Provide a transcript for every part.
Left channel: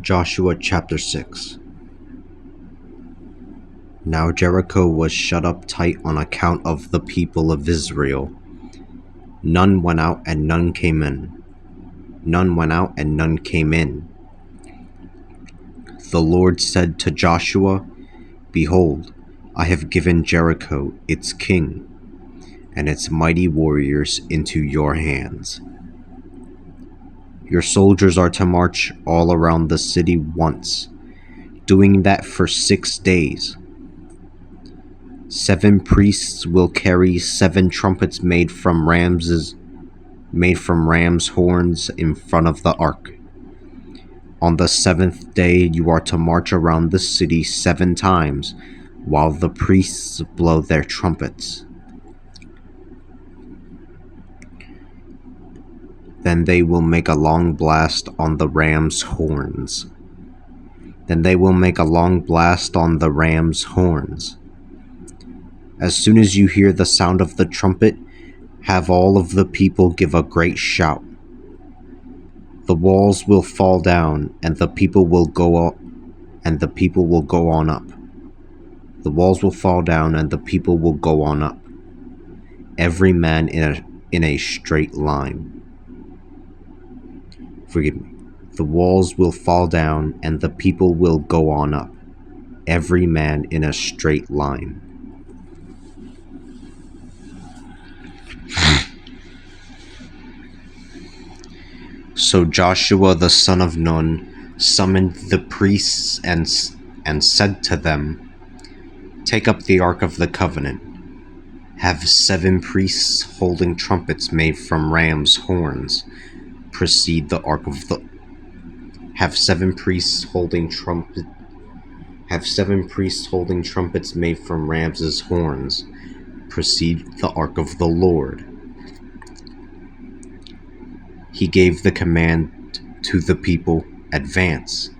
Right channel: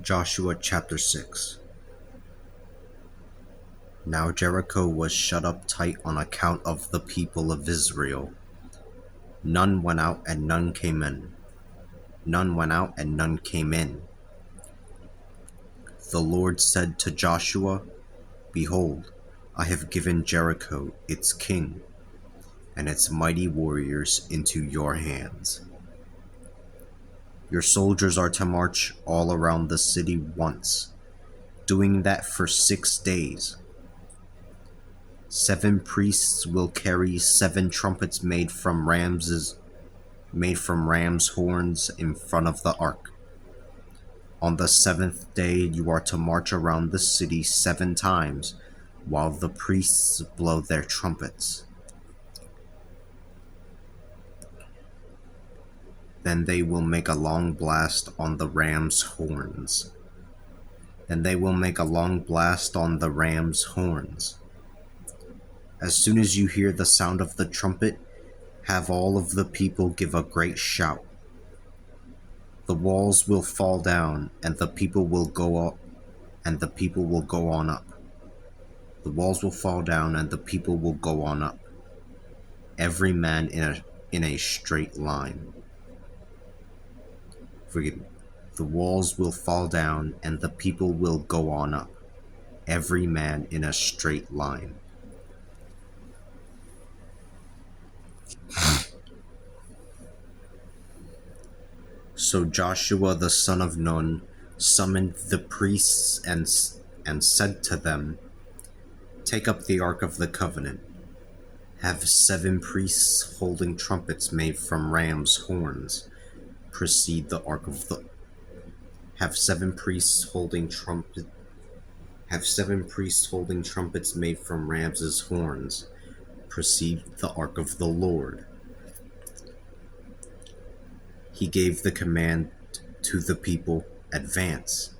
Joshua chapter 6. Now Jericho was shut up tight on account of the people of Israel. None went out and none came in. None went out and none came in. The Lord said to Joshua, Behold, I have given Jericho, its king, and its mighty warriors into your hands. Your soldiers are to march all around the city once, doing that for 6 days. 7 priests will carry 7 trumpets made from ram's horns in front of the ark. On the 7th day you are to march around the city 7 times while the priests blow their trumpets. Then they will make a long blast on the ram's horns. As soon as you hear the sound of the trumpet, have all of the people give a great shout. The walls will fall down, and the people will go up, and the people will go on up. The walls will fall down, and the people will go on up, every man in a straight line. The walls will fall down, and the people will go on up, every man in a straight line. So Joshua the son of Nun summoned the priests and said to them, Take up the Ark of the Covenant. Have 7 priests holding trumpets made from ram's horns precede the Ark of the... Have 7 priests holding trumpets made from ram's horns precede the Ark of the Lord. He gave the command to the people, Advance.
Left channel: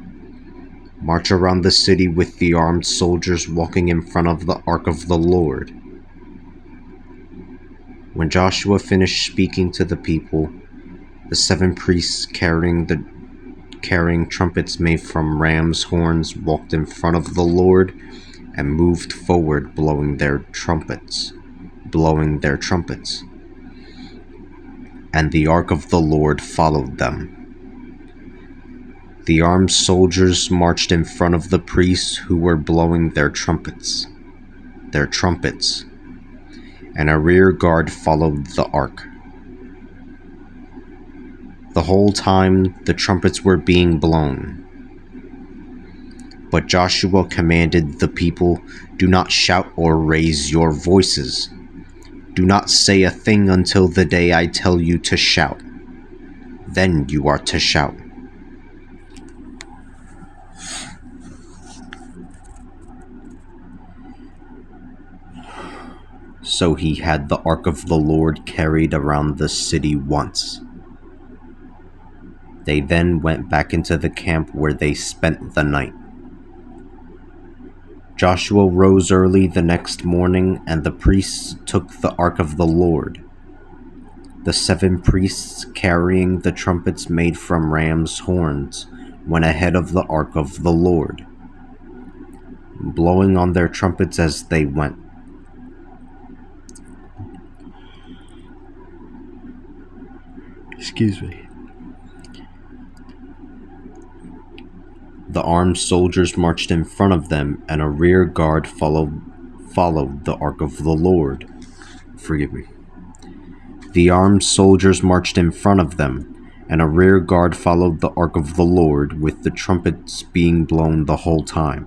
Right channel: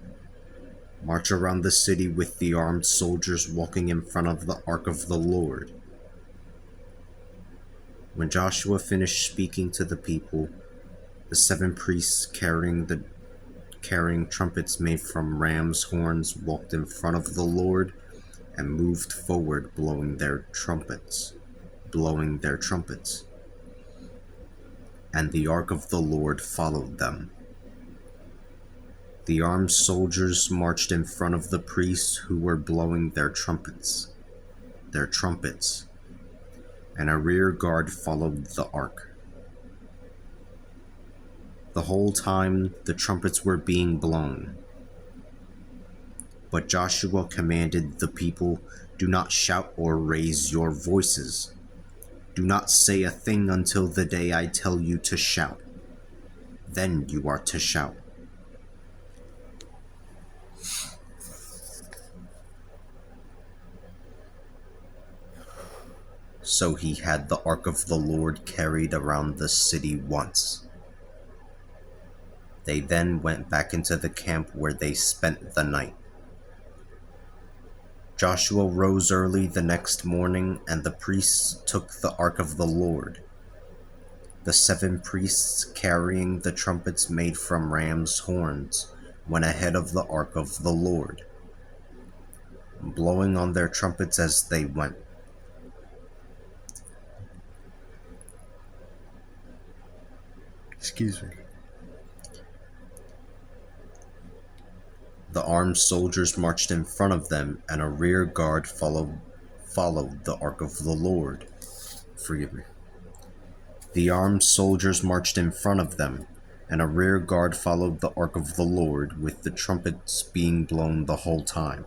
March around the city with the armed soldiers walking in front of the Ark of the Lord. When Joshua finished speaking to the people, the 7 priests carrying trumpets made from ram's horns walked in front of the Lord and moved forward blowing their trumpets. And the Ark of the Lord followed them. The armed soldiers marched in front of the priests who were blowing their trumpets, and a rear guard followed the ark. The whole time the trumpets were being blown. But Joshua commanded the people, Do not shout or raise your voices. Do not say a thing until the day I tell you to shout. Then you are to shout. So he had the Ark of the Lord carried around the city once. They then went back into the camp where they spent the night. Joshua rose early the next morning, and the priests took the Ark of the Lord. The 7 priests carrying the trumpets made from ram's horns went ahead of the Ark of the Lord, blowing on their trumpets as they went. The armed soldiers marched in front of them, and a rear guard followed the Ark of the Lord. The armed soldiers marched in front of them, and a rear guard followed the Ark of the Lord, with the trumpets being blown the whole time.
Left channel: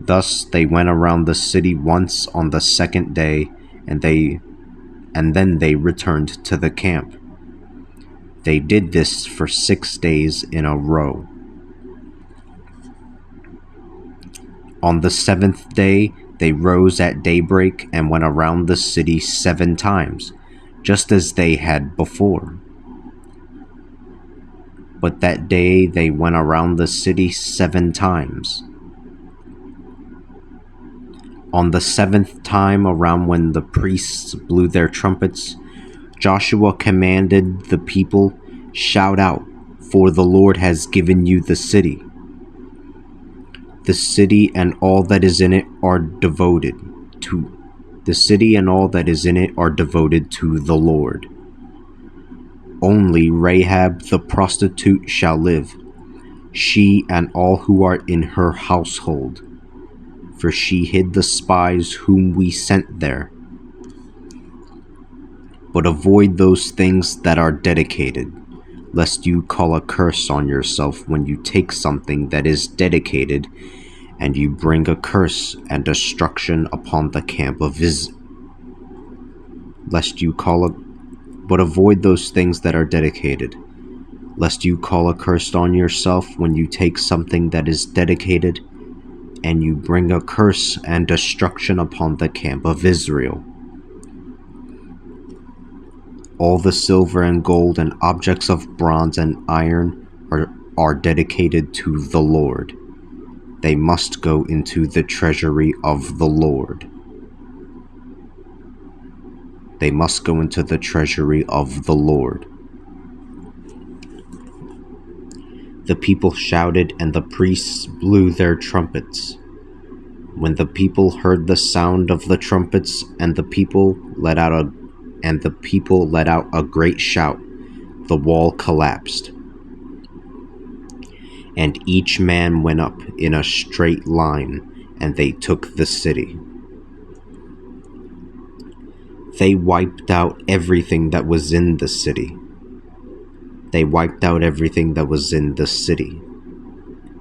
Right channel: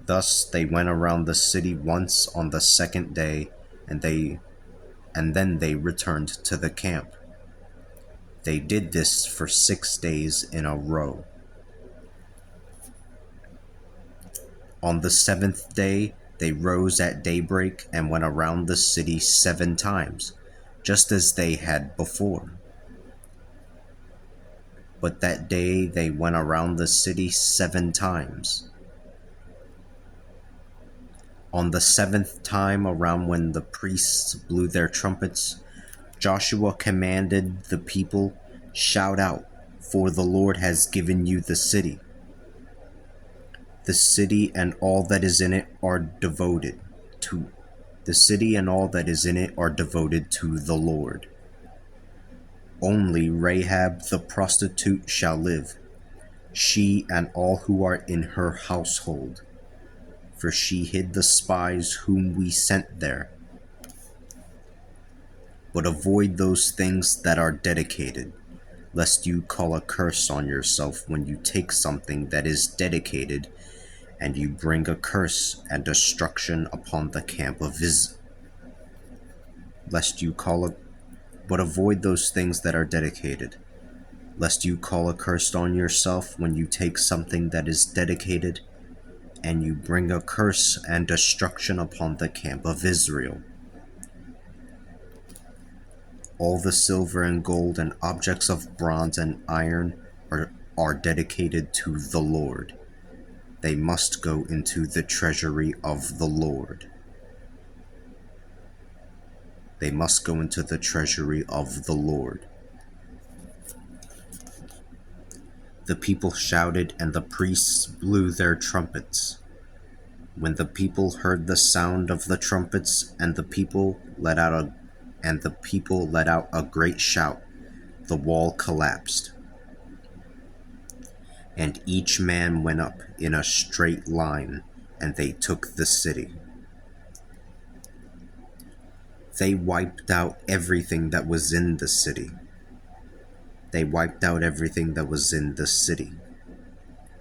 Thus they went around the city once on the 2nd day, and then they returned to the camp. They did this for 6 days in a row. On the 7th day, they rose at daybreak and went around the city 7 times, just as they had before. But that day they went around the city 7 times. On the 7th time around, when the priests blew their trumpets, Joshua commanded the people, Shout out, for the Lord has given you the city. The city and all that is in it are devoted to the city and all that is in it are devoted to the Lord. Only Rahab the prostitute shall live, she and all who are in her household, for she hid the spies whom we sent there. But avoid those things that are dedicated, lest you call a curse on yourself when you take something that is dedicated, and you bring a curse and destruction upon the camp of But avoid those things that are dedicated, lest you call a curse on yourself when you take something that is dedicated, and you bring a curse and destruction upon the camp of Israel. All the silver and gold and objects of bronze and iron are dedicated to the Lord. They must go into the treasury of the Lord. They must go into the treasury of the Lord. The people shouted, and the priests blew their trumpets. When the people heard the sound of the trumpets, and the people let out a great shout, the wall collapsed, and each man went up in a straight line, and they took the city. They wiped out everything that was in the city. They wiped out everything that was in the city.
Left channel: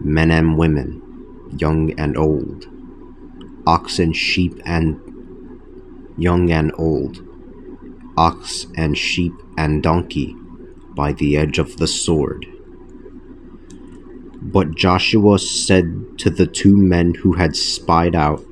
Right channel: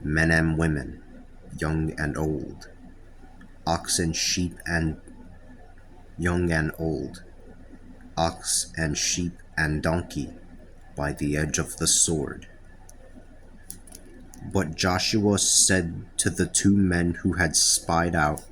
Men and women, young and old, oxen, sheep, and young and old, ox and sheep and donkey, by the edge of the sword. But Joshua said to the two men who had spied out,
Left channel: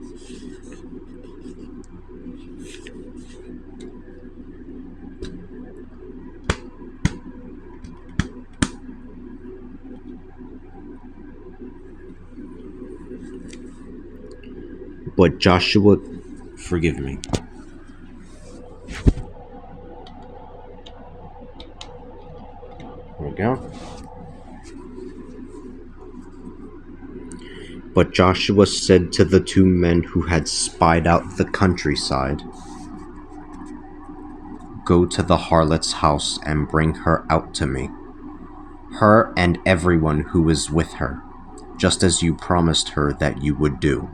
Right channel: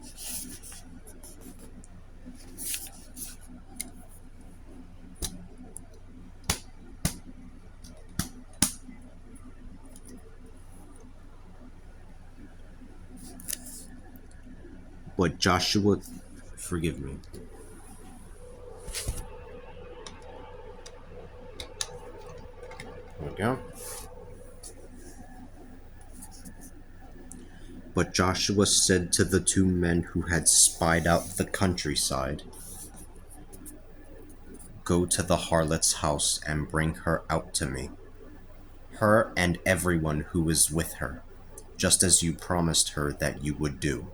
forgive me. There we go. But Joshua said to the two men who had spied out the countryside, "Go to the harlot's house and bring her out to me, her and everyone who is with her, just as you promised her that you would do."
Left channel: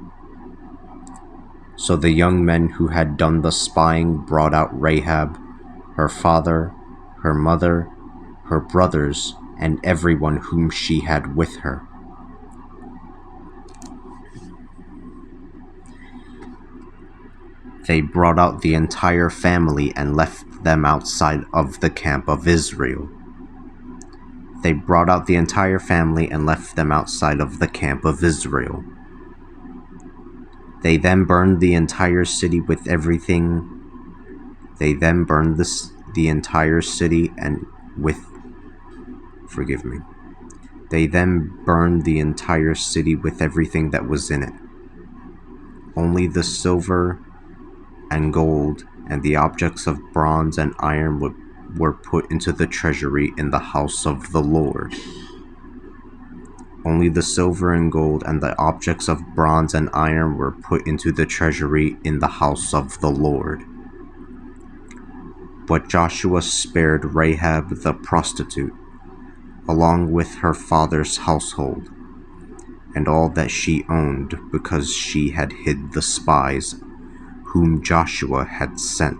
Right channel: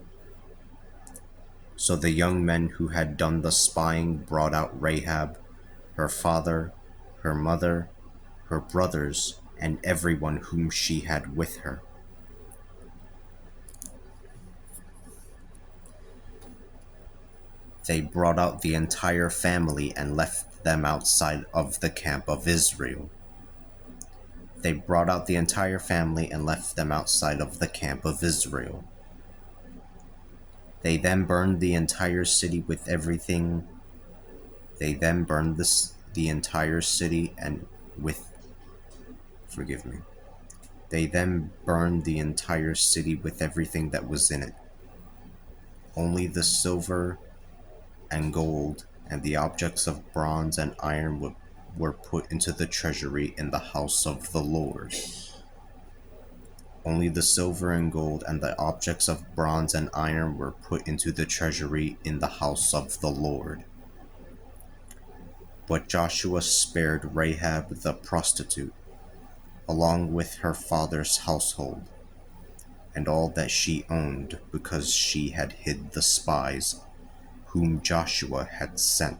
So the young men who had done the spying brought out Rahab, her father, her mother, her brothers, and everyone whom she had with her. They brought out the entire family and left them outside of the camp of Israel. They brought out the entire family and left them outside of the camp of Israel. They then burned the entire city with everything. They then burned the entire city and with... Forgive me. They then burned the entire city with everything that was in it. Only the silver and gold and the objects of bronze and iron were put into the treasury in the house of the Lord. Only the silver and gold and the objects of bronze and iron were put into the treasury in the house of the Lord. But Joshua spared Rahab the prostitute, along with her father's household, and all that she owned, because she had hid the spies whom Joshua had sent.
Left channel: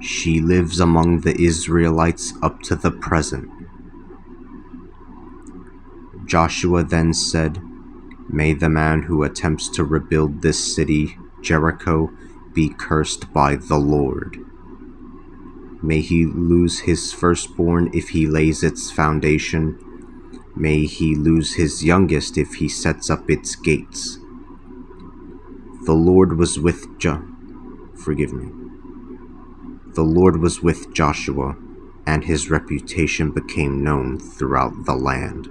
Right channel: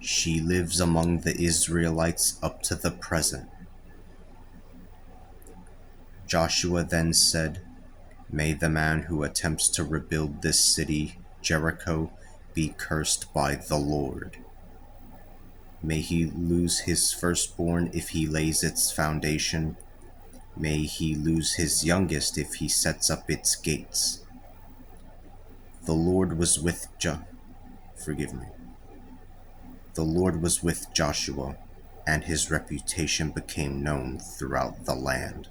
She lives among the Israelites up to the present. Joshua then said, "May the man who attempts to rebuild this city, Jericho, be cursed by the Lord. May he lose his firstborn if he lays its foundation. May he lose his youngest if he sets up its gates." The Lord was with The Lord was with Joshua, and his reputation became known throughout the land.